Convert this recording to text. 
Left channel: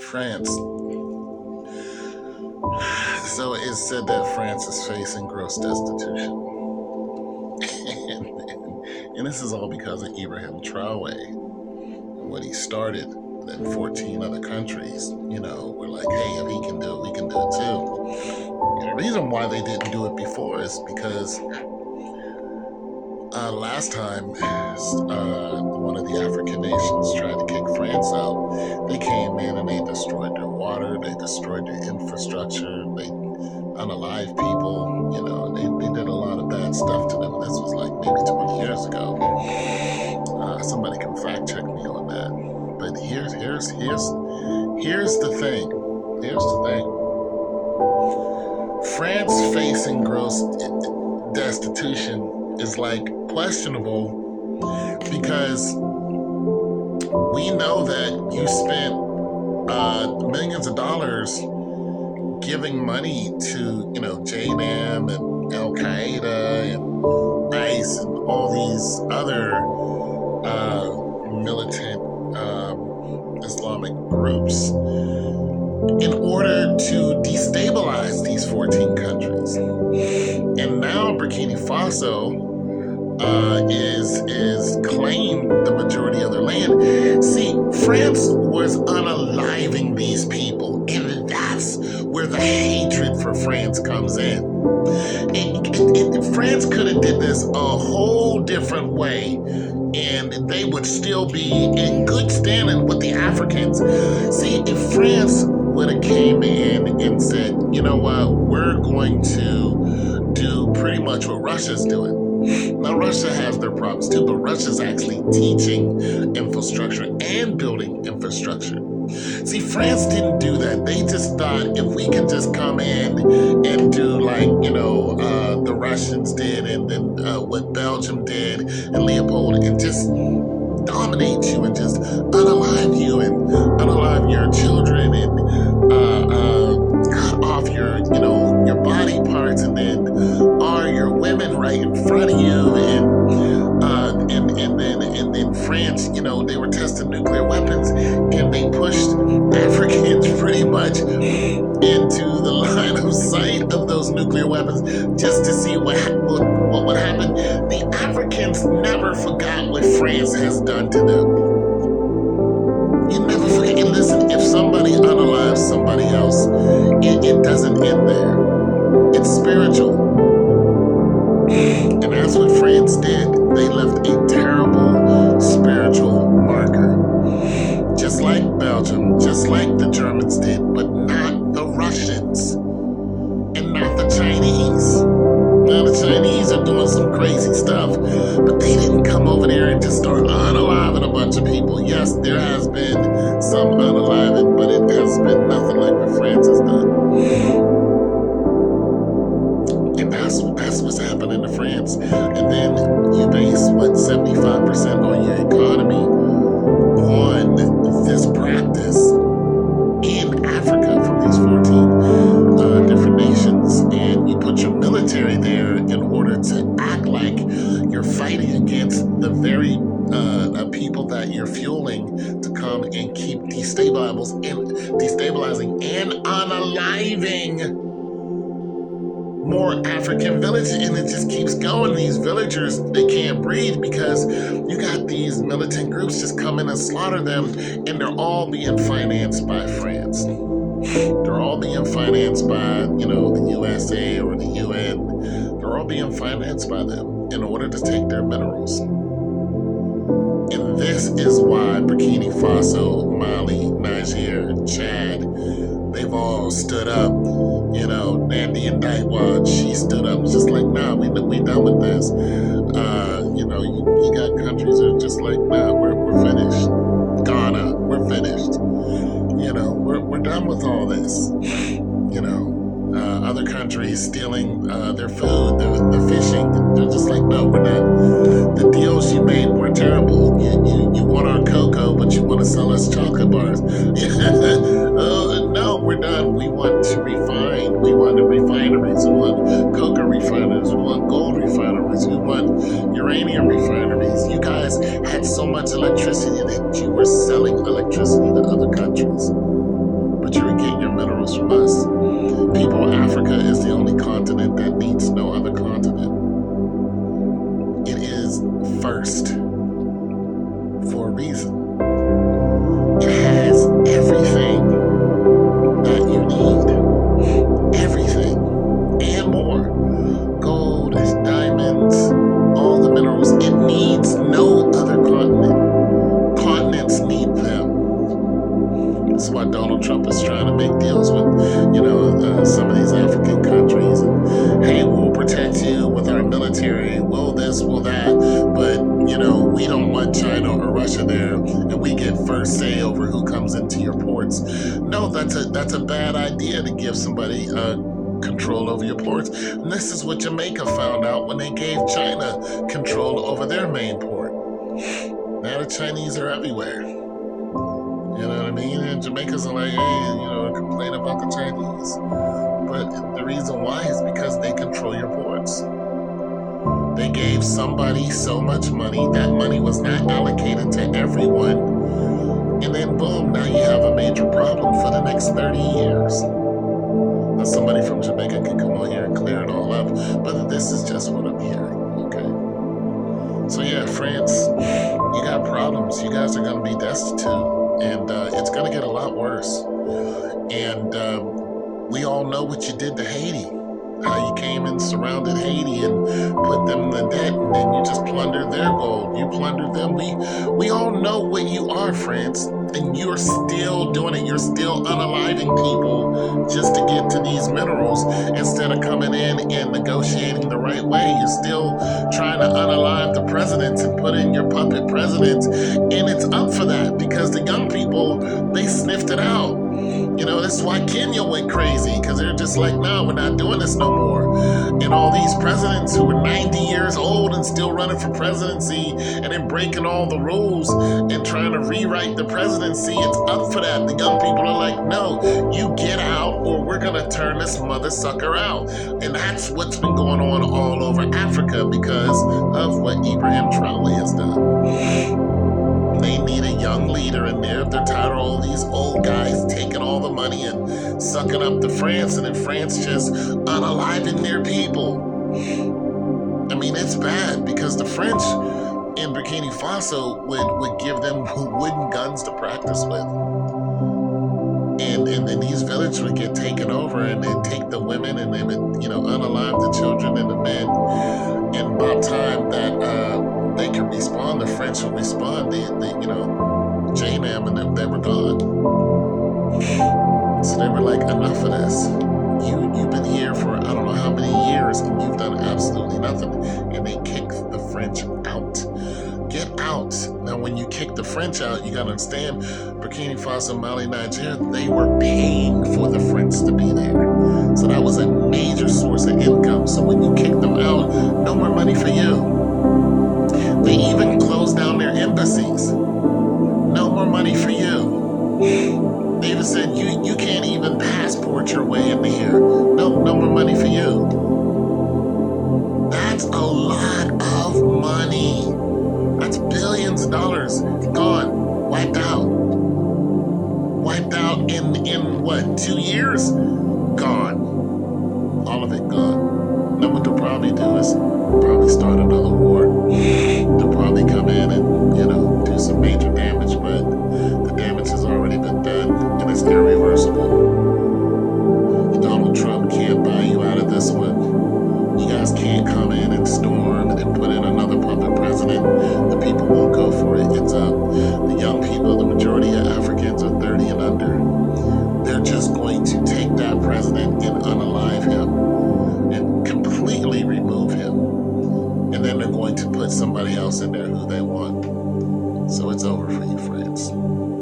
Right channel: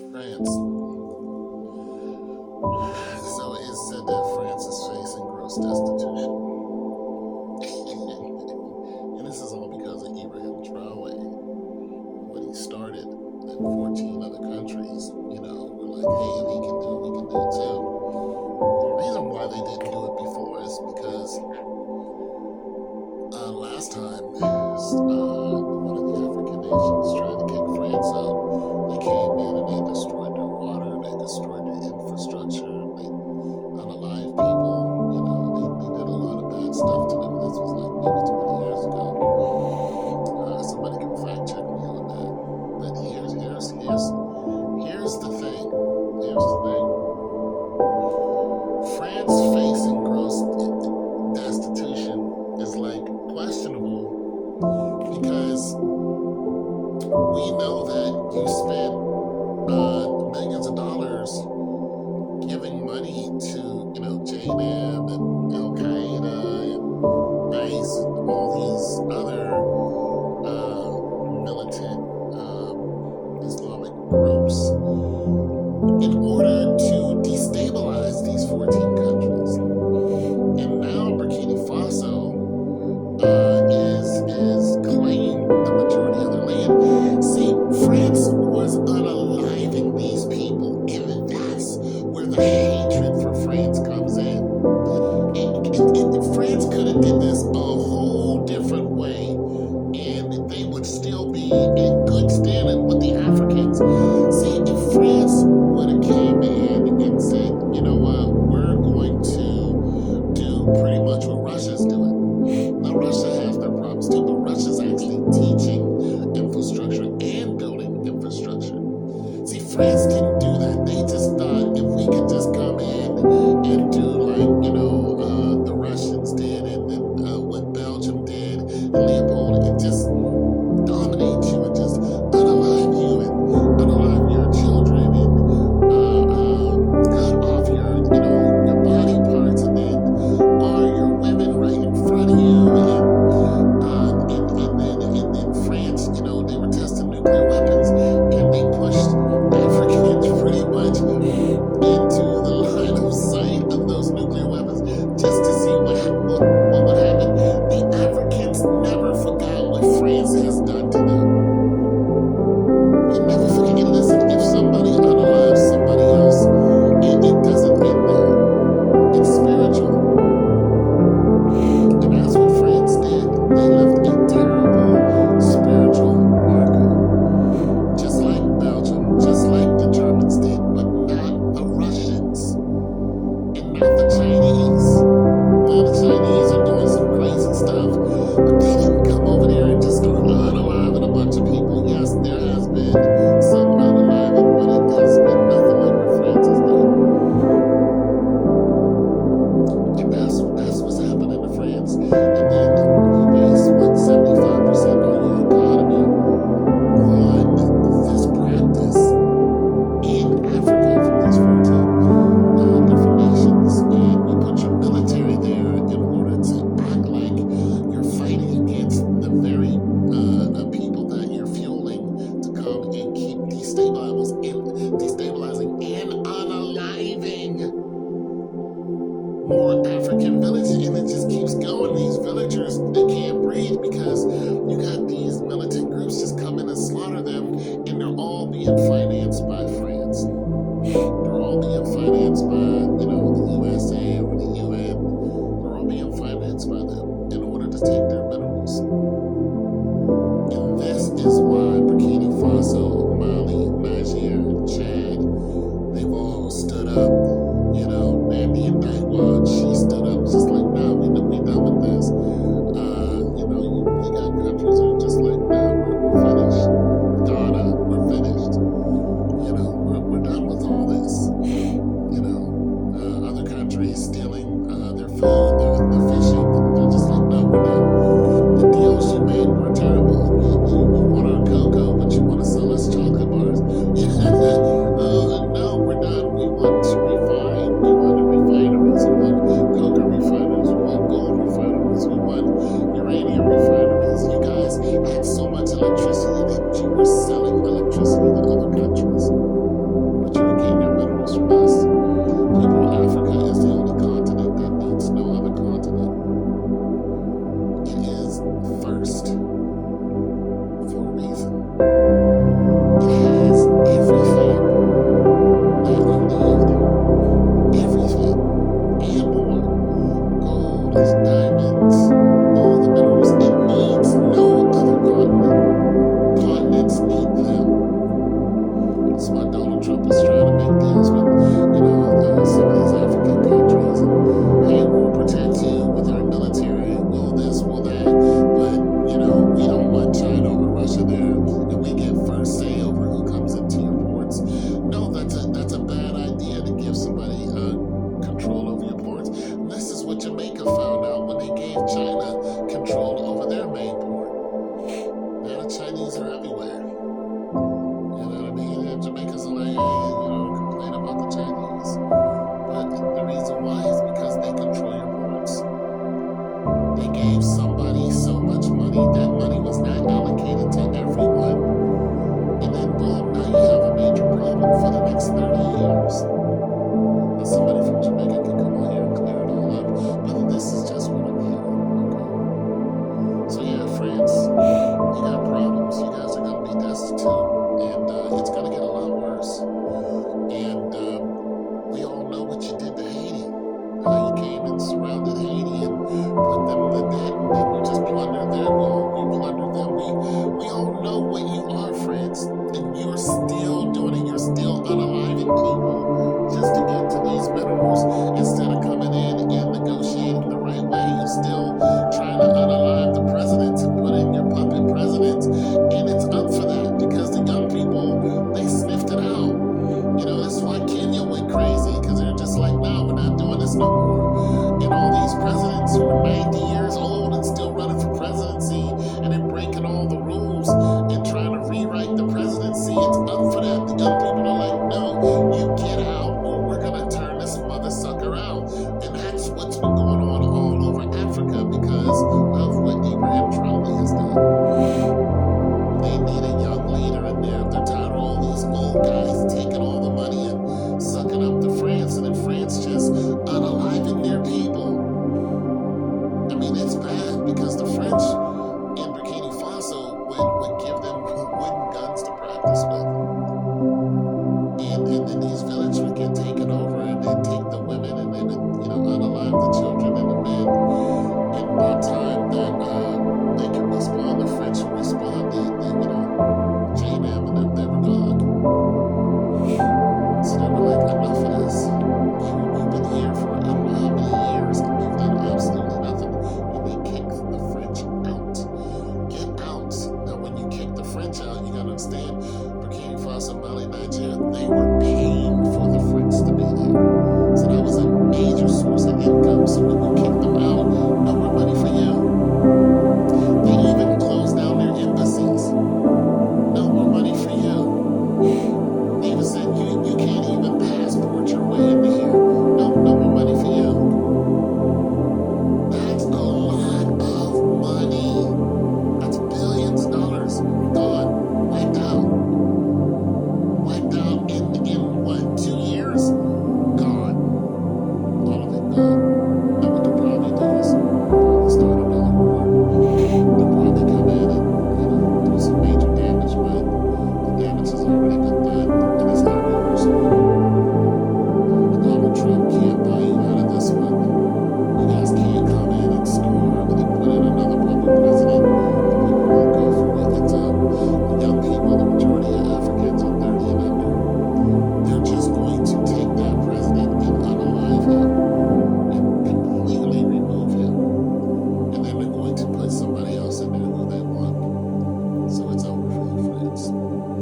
France. So it's said that France is facing gross destitution. And this is all because of Ibrahim Traore. What he started in 14 other countries, we're like, hey, if he can do it, we can do it too. And the reason why they didn't do it before is because last time one of the African nations tried to kick France out. They came in and they destroyed their water, they destroyed their infrastructure, they unalived people, they did a lot of bad stuff to them. This was like maybe 20 years ago. Somebody can fact check me on that. But here's the thing. Here's the thing. France facing gross destitution is like questionable because we know that you spent millions of dollars giving money to JNAM and Al Qaeda and ICE and all these other militant Islamic groups in order to destabilize these 14 countries. And now Burkina Faso is claiming the majority of their land. See, France was unaliving these people, and that's where the hatred for France comes in. France could have did this a whole different way, and they would still be in good standing with the Africans. See, if France would have came in and said, you know what, we're going to do pretty much what Russia's doing. Now, Russia has their problems too, but Russia's actually teaching infrastructure and building infrastructure. See, France didn't do that. They just thought if we could just come in and do like, the Russians did and then what Belgium did and Leopold and just dominate you and just unalive you and unalive your children and cut off your body parts and then your women right in front of you and then France, they were testing nuclear weapons and they pushed Africans pretty much into the line of sight of those nuclear weapons just to see what would happen. The Africans never forgot what France has done to them. You never forget. And listen, if somebody unalives somebody else, it doesn't end there. It's spiritual. And that's what France did. They left a terrible spiritual marker. Just like Belgium, just like the Germans did, but not the Russians. And not the Chinese. Now the Chinese are doing some crazy stuff, but they didn't come over there and just start unaliving a bunch of people. Yes, there has been some unaliving, but it has been nothing like what France has done. And that's what's happening to France. And then you base 75% on your economy on this practice in Africa from these 14 different nations, and you put your military there in order to act like you're fighting against the very people that you're fueling to come and keep destabilizing and unaliving more African villages, and it just keeps going. These villagers, they can't breathe because you got these militant groups just come in and slaughter them, and they're all being financed by France. They're all being financed by, the USA or the UN. They're all being financed by them in order to take their minerals. And this is why Burkina Faso, Mali, Niger, Chad, they've all stood up. Nandi Ndaitwah, she stood up. It's just like, nah, we done with this. You got countries that are just like, nah, we're finished. Ghana, we're finished. We're done with all this. Other countries stealing their food, the fishing. They're just like, no, we're not. The deals you made were terrible. You want our cocoa, but you want to sell us chocolate bars. No, we're done. We want to refine. We want refineries. We want cocoa refineries. We want gold refineries. We want uranium refineries. You guys had so much electricity that you were selling electricity to other countries. Donald Trump is trying to make deals with, some of these African countries. And, hey, we'll protect you with our military. We'll this, we'll that. But, we don't want China or Russia there. And we get first say over who comes into your ports. No, that's a bad idea to give somebody control over your ports. And this is what Jamaica found out when they gave China control over their main port. Now the Chinese are everywhere. You know what I mean? And Jamaicans are like, hey, complain about the Chinese. But the reason why is because they control your ports. They gave somebody so much money, that money was not allocated to everyone. And then boom, now you have a major problem for the next 30 years. Now somebody from Jamaica can come on here and clear it all up, but this is just what I'm hearing, okay? So yeah, France, you got problems. You guys are going to be destitute, and it's going to get a lot worse. And we all know what you did to Haiti. How you came and surrounded Haiti and put them in the debt, and then you just plundered their gold. You plundered them. We all know what you are, France, and you're still doing it. You're still unaliving people just to get to these minerals instead of coming in and negotiating the right way. You're still trying to unalive the presidents and put in your puppet presidents, and it's up for that because the young people, they sniffed it out. That's why Kenya went crazy, because they're just like, no, we're not doing this no more. And all these presidents who are 90 years old and still running for presidency and then breaking all the rules and trying to rewrite the presidency, it's up for that. The young people are like, no, you get out or we're going to turn this mother sucker out. And that's what's been going on all over Africa because of what Ibrahim Traoré has done. They need a young leader in there. If they're tired of all these old guys taking all the money and sucking up to France, and then France just unaliving their people. I mean, it's bad because the French in Burkina Faso would give them wooden guns to practice with. And then these villages would get taken over, and they'd take the women and they would, unalive the children and the men. And by the time that they could respawn, the French would respawn, JNAM, and they were gone. So they were like, enough of this. You've been here for I don't know how many years, and you've done absolutely nothing. And they kicked the French out. Get out. Now, when you kick the French out, you got to understand, Burkina Faso, Mali, Nigeria, they were paying for the French to be there. So that was a major source of income. So when you kick them out, no more money for you. They even closed down their embassies.